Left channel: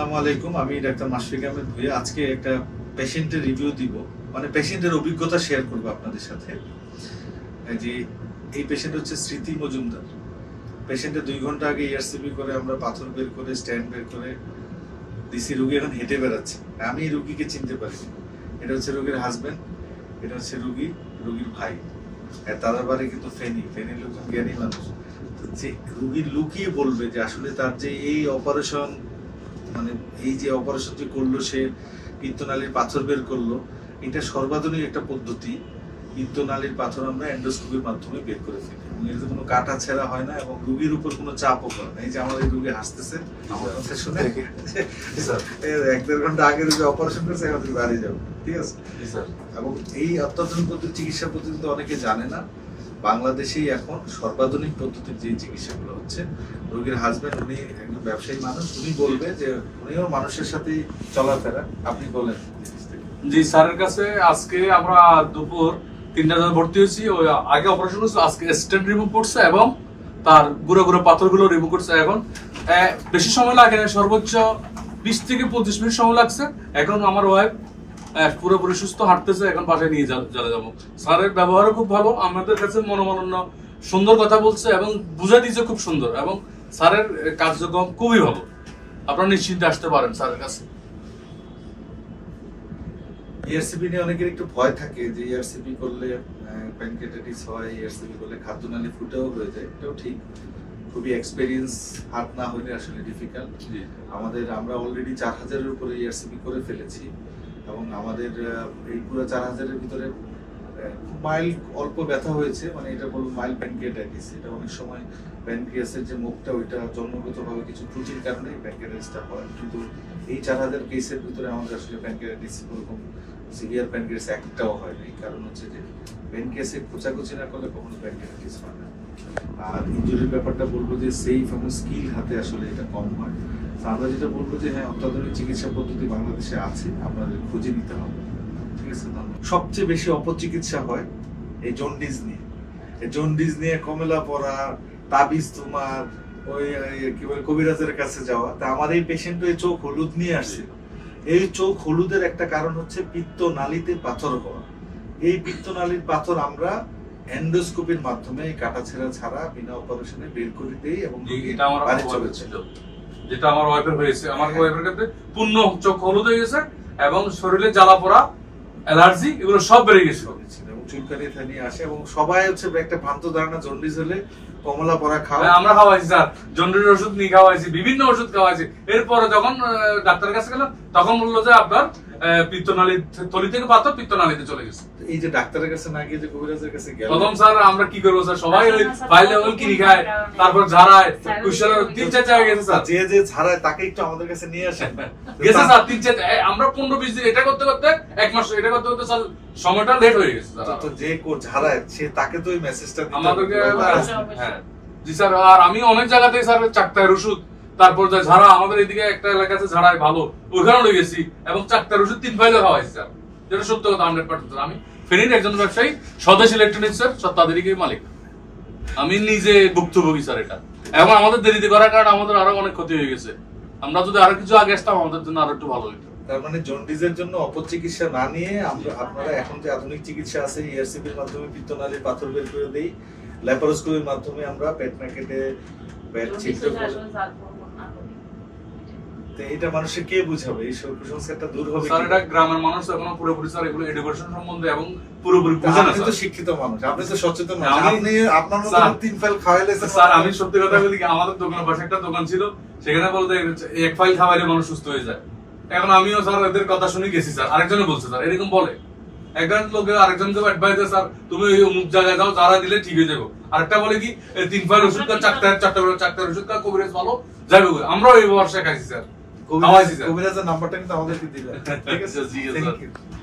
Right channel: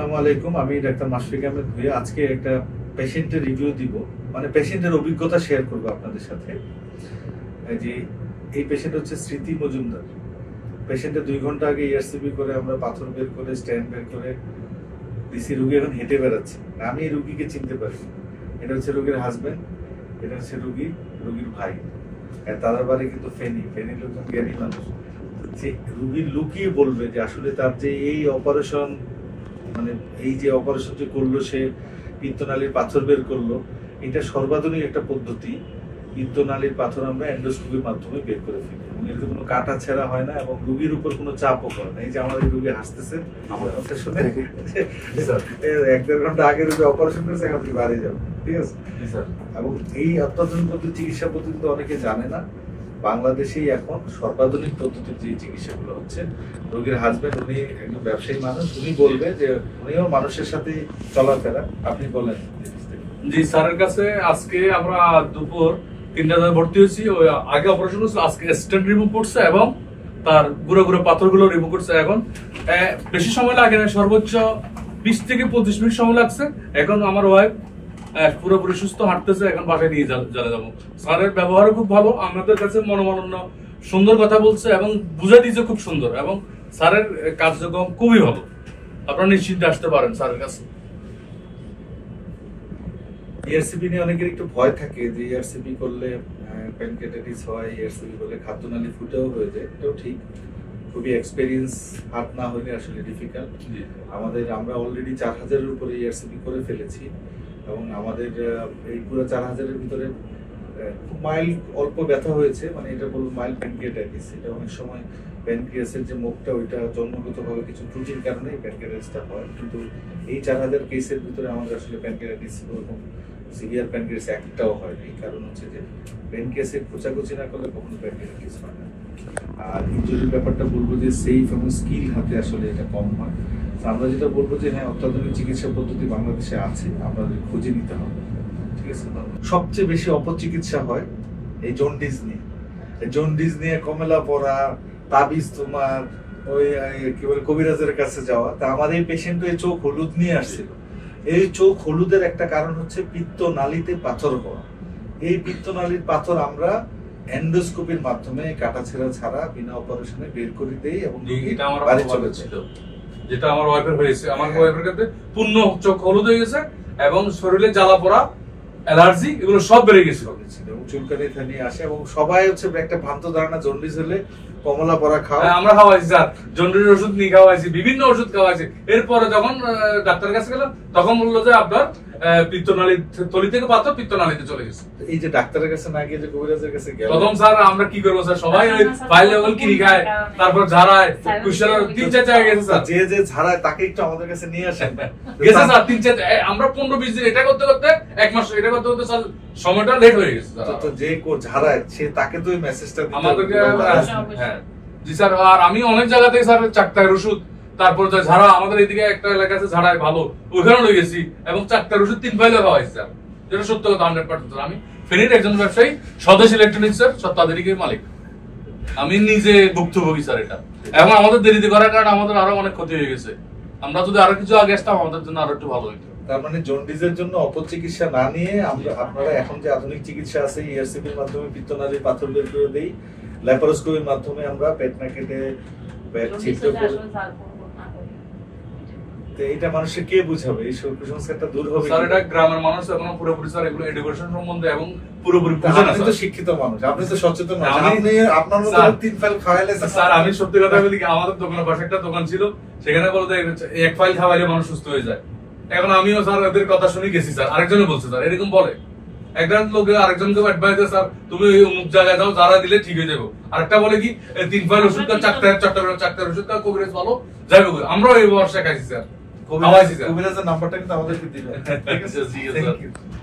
আসসালামু আলাইকুম, আমি ডাক্তার মাশফিক আহমেদ ভুঁইয়া। আজকে একটা পেশেন্টের রিভিউ দিব, মানে পেশেন্টের অভিজ্ঞতা শেয়ার করব আপনাদের সাথে। যে এই পেশেন্ট হচ্ছে স্মৃতি মজুমদার। পেশেন্টের 2 ঘন্টা আগে ইআরসিপি করে আমরা পাথর বের করে স্ট্যান্ড বের করে দিছি। রুগী এখন হেঁটে বেড়াচ্ছে। আমি এই রুগীকে চিনতে পারি। এটা হচ্ছে রুগীর হাজবেন্ড, এটা হচ্ছে রুগীর ভাই। তাদের বাড়ি কিন্তু ফেনীর লোকজন জ্ঞানী মানুষ। রুগীর লুকিয়ে বলবে যে আসলে তার যে এই অপারেশন, মানে এই যে অপারেশন যে করলো, সে পিত্তনালীর পাথর বের করলো, এটা সর্বাধুনিক একটা পদ্ধতি। পিত্তনালীর পাথর আমরা এন্ডোস্কোপির মাধ্যমে বের করে ফেলি এবং এতে কোনো কাটা ছেঁড়া হয় না এবং রুগীর উপর কোনো চাপও করে না। এই যে আমাদের রুগী হাসতেছে আমার কথা শুনে, 1-1.5 ঘন্টা আগে রুগী অপারেশন করেছে, এখন তুমি বাড়ি যাবো, ঠিক আছে। এবং এই অত্যাধুনিক পদ্ধতি, চিকিৎসা পদ্ধতি তো অনেকে জানে না। বাংলাদেশেই এখন সর্বাধুনিক পদ্ধতির যে চিকিৎসাগুলো হচ্ছে। রোগীর হাজবেন্ড, উনি একজন ব্যবসায়ী মানুষ, উনি বলবে যে উনিও মানুষের সাথে চলাফেরা। আপনি বলেন। জি, স্যারের কাছে আজকে আমরা দুপুর 3টায় ভর্তি হয়েছি। ওই আগে অপারেশন করছে, আজকে স্টেন্ট রিমুভ করছে এবং তার গুঁড়ো গুঁড়ো পাথরগুলো রিমুভ করছে। এখন বেশি সময় লাগে না, সর্বোচ্চ 20 থেকে 25 মিনিট সময় লাগছে। এখন আমার ওয়াইফ পুরোপুরি সুস্থ, হাঁটতেছে। এখন বাসায় নিয়ে চলে যাবো। স্যারের ব্যবহারও খুব ভালো, আমাদের কাছে মনোমালিন্য সুন্দর কথা বলছে এবং বুঝা দিয়েছে খুব সুন্দর, এবং স্যারের কার্যক্রম খুবই ভালো। আপনারা নিশ্চিন্তে আসতে পারেন স্যারের কাছে। ইআরসিপি নিয়ে অনেকের একটু ভয় থাকে যে ইআরসিপি করলে প্যানক্রিয়াটাইটিস হয়, ইআরসিপি করলে খাদ্যনালী ফুটেও হয়ে যায়। এটাও ঠিক, খুবই এক্সপেরিয়েন্স হাত না হলে আসলে ডিফিকাল্ট। আমরা অলরেডি 4000-এর উপরে ইআরসিপি করে ফেলেছি এবং আমাদের এই পুরো 4000-এর ভিতরে খুব মাইল্ড অল্প ব্যথা হয়েছে, মানে এটা বলবো মাইল্ড প্যানক্রিয়াটাইটিস। এটা অনেক সময় প্যানক্রিয়াসের যে মুখটা, ওইটা জন্মগতভাবে কিছু ত্রুটির কারণে প্যানক্রিয়াটাইটিসটা হয়। কিন্তু এই 4000 কেসের ভিতরে আমাদের আসলে প্যানক্রিয়াটাইটিস ওরকম সিভিয়ার প্যানক্রিয়াস একটাও হয় না। এই কারণ হচ্ছে যে প্যানক্রিয়াসে খোঁচাখুচি না করলে কখনো প্যানক্রিয়াটাইটিস হয় না। আর ইনজুরির ব্যাপারটা বলবো যে সেফ এবং স্কিল হাতে আসলে এটা কম হয়। আমরা যেটা বলবো যে হ্যাঁ, অত্যাধুনিক চিকিৎসা পদ্ধতি বাংলাদেশে আছে, আপনাদের খুঁজে নিতে হবে, ঠিক আছে। সবচেয়ে বেশি অপচিকিৎসা হয় এই জন্ডিস নিয়ে। এই জন্ডিস নিয়ে কমেলা পড়া, তাবিজ, তোমার ওই কি বলে কবিরাজের কাছে যাওয়া। তা আমার এই পেশেন্ট এই চোখ হলুদ নিয়ে আসছিল। এই চোখ হলুদের একটা কারণ হচ্ছে পিত্তনালীতে পাথর হওয়া। এই পিত্তনালীর পাথর আমরা এন্ডোস্কোপির মাধ্যমে কাটাছেঁড়া ছাড়া বিনা অপারেশনে বের করে দেই এবং বাড়ি চলে ছিল। যেটা আমার ওয়াইফের হয়েছে, আমার ওয়াইফের ক্ষেত্রে পূর্ণ চোখ হলুদ হয়ে গেছে এবং শরীরে জ্বালা পোড়া, অ্যালার্জি এগুলো সব বেড়ে গেছিল এবং চুলকানি থানি আসে। এবং সবাই হচ্ছে একটা ভ্রান্ত ধারণা জন্ডিস হলে কমলা পড়া খাওয়া। আমরা খাওয়াইছি স্যার, জন্ডিসের ওষুধ নিয়ে খাওয়াইছি, বিভিন্ন ওষুধ খাওয়াইছি। এরপরে যখন ডাক্তারের কাছে গেলাম তখন বললো যে আপনার পিত্তনালী থলি থেকে পাথর পিত্তনালীতে চলে গেছে। এই যে ডাক্তারের কাছে না গিয়ে যে কবিরাজের কাছে গেল, প্রথম স্যার আমরা কি করবো স্যার, সবাই ওই ফাইল লেভেল কিনে খায়, তারপর ঝাড়ায়, 3-4 জায়গায় গেছে স্যার। যে ঝাড়ায় তাকে একটু আমাদের কাছে নিয়ে আসেন। গেছে স্যার 3-4, আমরা 15-20 দিন এটা করতে করতে 1 মাস এটা করতে করতে স্যার সময়টা লেট হয়ে গেছে। যে ঝাড়ায় সে তাকে তো ওই মেসেজটা আমাদেরকে। হ্যাঁ জি স্যার। আর আমি অনেক জায়গাতে স্যার চাকতার ওষুধ, তারপর ঝাড়া, আমাদের এদিকে একটা এলাকা আছে ঝাড়ায় ভালো, ওইখানে লয়ে গেছি এবং চাকতার ওষুধ 3 ফাইলও খাওয়াইছি স্যার। যেটা সত্য কথা 100%। আমি ফেনীর একজন ব্যবসায়ী, স্বদেশ ইলেকট্রনিক্স এর তাদেরই মালিক। আমি নিজে ভুক্তভোগী স্যার এটা। এবং আমাদের দেরিতে করার কারণে আমাদের আরো অনেক ক্ষতি হয়ে গেছে। আমরা যদি আরো কিছু আগে আসতাম আমাদের জন্য আরো একটু ভালো হতো। তার মানে জন্ডিসের জন্য অপচিকিৎসা না নিয়ে আপনারা এখন যে আধুনিক চিকিৎসা আছে, ইআরসিপির মাধ্যমে পিত্তনালীর পাথর বের করে দেই, ল্যাপারোস্কোপির মাধ্যমে আমরা পেট না কেটে পেট ছিদ্র করে। এটা মানুষকে কে বুঝাবে? এই কুসংস্কারটা দূর হবে স্যার। এটা গ্রামের মানুষ এখনো পুরোপুরি স্যার এগুলো এডুকেশন সম্বন্ধে এবং পুরোপুরি বুঝে না। আপনি তো শিক্ষিত মানুষ, আপনি তো সচেতন মানুষ। আপনি আপনার মতো 3 ফাইল খাওয়াইলে স্যার, আমি সত্যি কথা বলি, আমাদের দোকানে পাশে একটা দোকান ছিল, সেখানে বলতে 1 ফাইল খাওয়াইলে মানুষ সুস্থ হয়ে যায়। এখন আমিও স্যার এদের কথা শুনে গেছি স্যার। আরেকজনে বলছে স্যার এরকম বলে, একজন লোকে আরেকজনকে অ্যাডভাইস দেয় স্যার তুমি ওই অমুক জায়গায় যাও, যারা দিলে ঠিক হয়ে যাবো। আরেকটা বলে কি 3 ফাইল ওষুধ কা, চারটা ওষুধ কা, কবিরাজ ভালো যাবে। আমরাও এই বর্ষা খাইছি স্যার, কবিরাজের নাম্বারটা কিন্তু আমাদেরকে দিবেন, ঠিক আছে?